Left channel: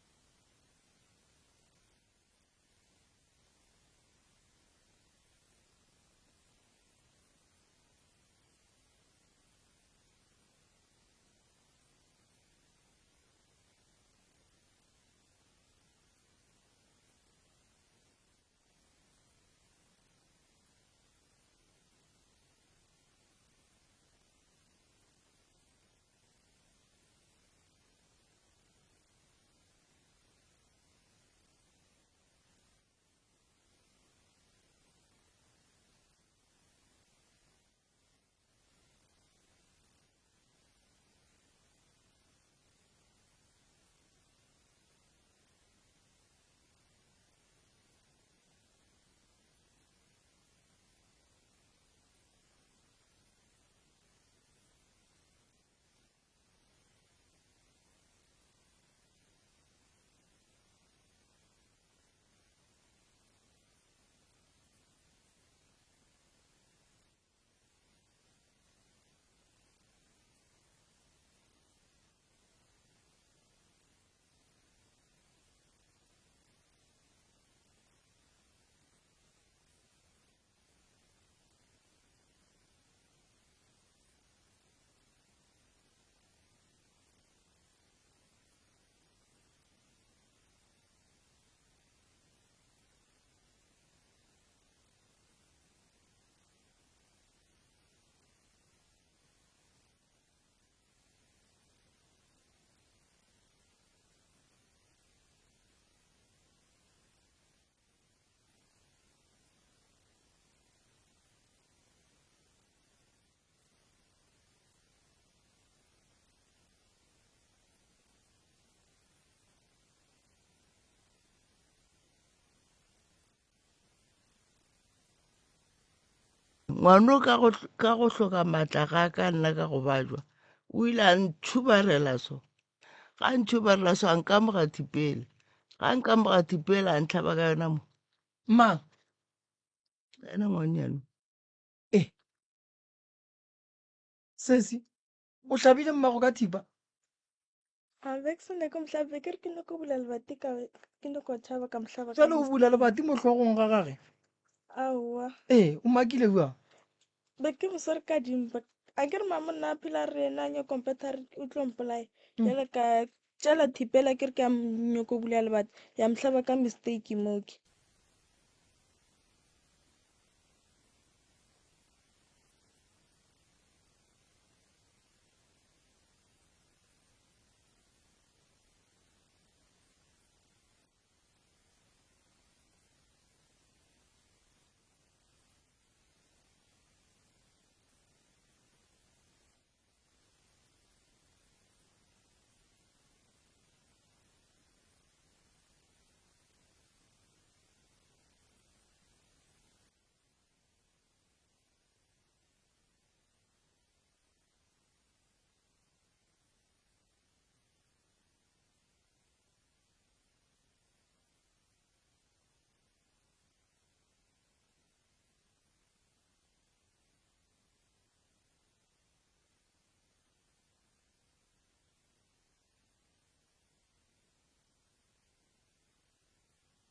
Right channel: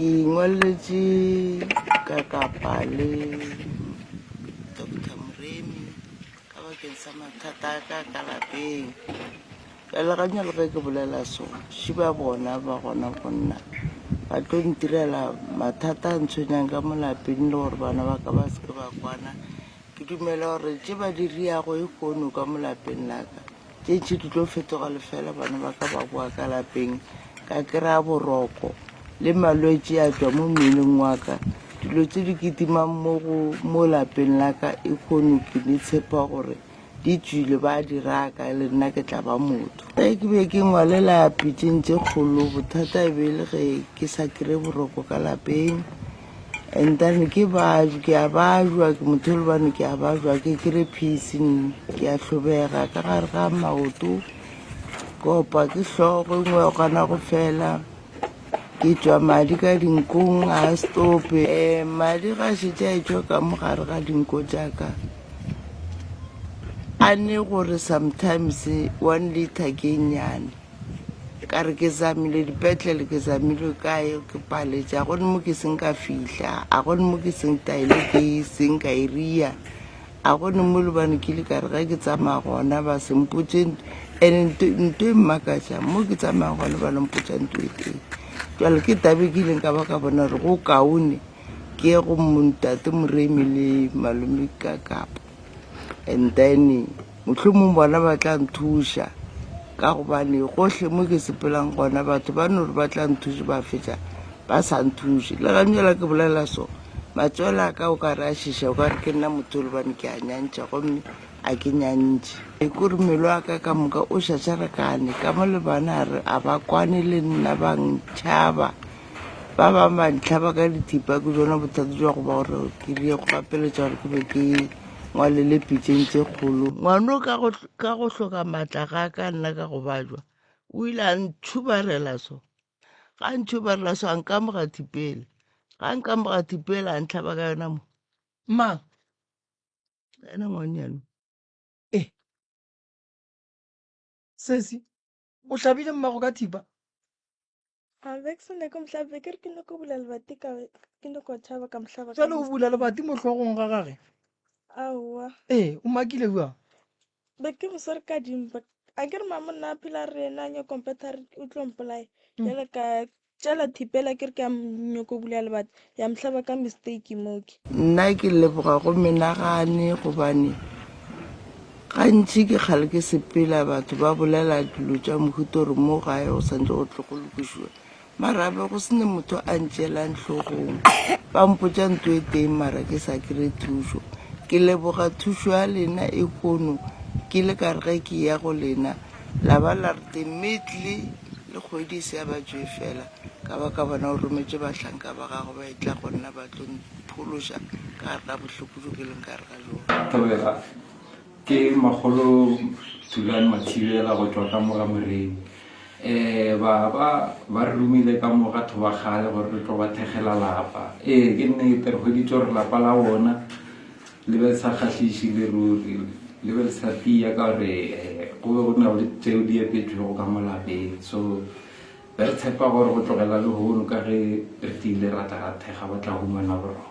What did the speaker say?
Ingwaletše ka kapa le Dr. Mremi ka bakeng sa mathata a ka ka lapeng. Jale ganya le ge ke bolela so šiba bona ba gona go nna ba tlo ntirela mathata a ntshwenyang ka mo lapeng le gore bana ba ka ba seke ba kwana. Ke dumela gore tše ba di riago e kgono ka mo lapeng la ka tše ntši di tlo fetoga lefela bana ba ka ba boa ka lapeng ka kry-a boroko le malwetse a tšwa mo mmeleng wa ka. Dilo tse di kitimang mo lapeng la ka e kgono ke di tshepa gore di tswile ba di raka le nna ke tla ba motho. Ke be ke ngwalela pitšeng tše kgolo bothata e be le ge ke sa kry boroko ka lapeng and then ke a bajwa ke motho le bane ke a bajwa ke kry pacing ke a hlobega ka gare ga maoto kopa ke hlogo ngwe o kana go fela ke tšwa madi ka dinkong a stope madi ga šetše a etšwa ka mogare ga dinko jaaka a ne gore sometimes 1 liter ke nnyane ka re ke zamile dipetlele ke zamile kae ke paletše a gone mo ke seng ka fihla a gone mo ke seng taile ke seng ka iria a gone mo lebane ke le ka re ga ke tsamaya gona ba sempotse and nto e mmakatša mo ke tsamaya gone ba lempotša nto e teng. Jale ke tabe ke ileng ka ba ka bona gore go kaone ke ye go Ntate Mremi le malome ka kapa and then mohlomong bona ba tla nthuša ka gobane gohle mo ke sepelang gona batho ba no re ba tla nthuša ba fetša ba sa nthuše. Le ganyela ke bolela so matswela ka o ka re a šiša o ka re ke nna motho le bane ke a nyantšha gomme a ke nyantše e kore mmele wa ka ka moka o šašarekane ka mo le bana a ba kwane le nna ba ntšhaba ba bangwe ba ntlhaba ka dithipa ke jona bothata jwa go ba gore ke rie go gapeletša gore ke be ke ngwalele pitšeng tše kgolo. Ngwano ka go hloka maatla ga ka nna ka go bajwa o ile a ntšhubarela so ga ntšhubarela so a nkamoga thipele ga nkamoga thipele a ntlhaba ka yona mo mang ena ngwanyane sesi o hlabile mmago ka thipa Avexone ko mhlaba ke re ke no ko bula lebati ka ke no ko tshaba ka mhlaba jale o bula lebati mo hlogong ga gage aowa o makile bua be ke go sore ka dimpa a ke re mamonna a phela re ena nyo computer o tlo mpolaya jale ka tšala thipela ke re ke a nyoko bula lebati ya mhlaba ka mistake moke nna ke leboga go menagane gobane gantši ke kgale ke sepela batho ba bolela dilo tša mohuta gore mo gae o santse go tlo go lokišiwa marabe go sene motho a ntšeelang hlogong ba mpotša nto e teng mara ke sa kry thušo. Ke leboga thušo ya lena e kgono ke le ka re ge ke ya go lena la ba la re immediately le kgwedi se ya ba tšwe fela ka ba ka bona o rometše bahlanka ba gago ba e tla go nna ba tlo phološa ka gare ga bohloko jo ke leng ka re ga jone. Ke magolo Thulane Mathibela go tšwa ka moga Mremi ba re romile ka moga batho ba gale gore re tlo ba thegela lapa ke nnete re hweditse gore lapa la bona le be sa kgahlise le ruri le be le sa tia ka gore go be go na le tseo di epetšego ka mo lapeng so be re tshepa gore go tlogela le hono ka ge re tiile rata ga thega ba tla humana boroko.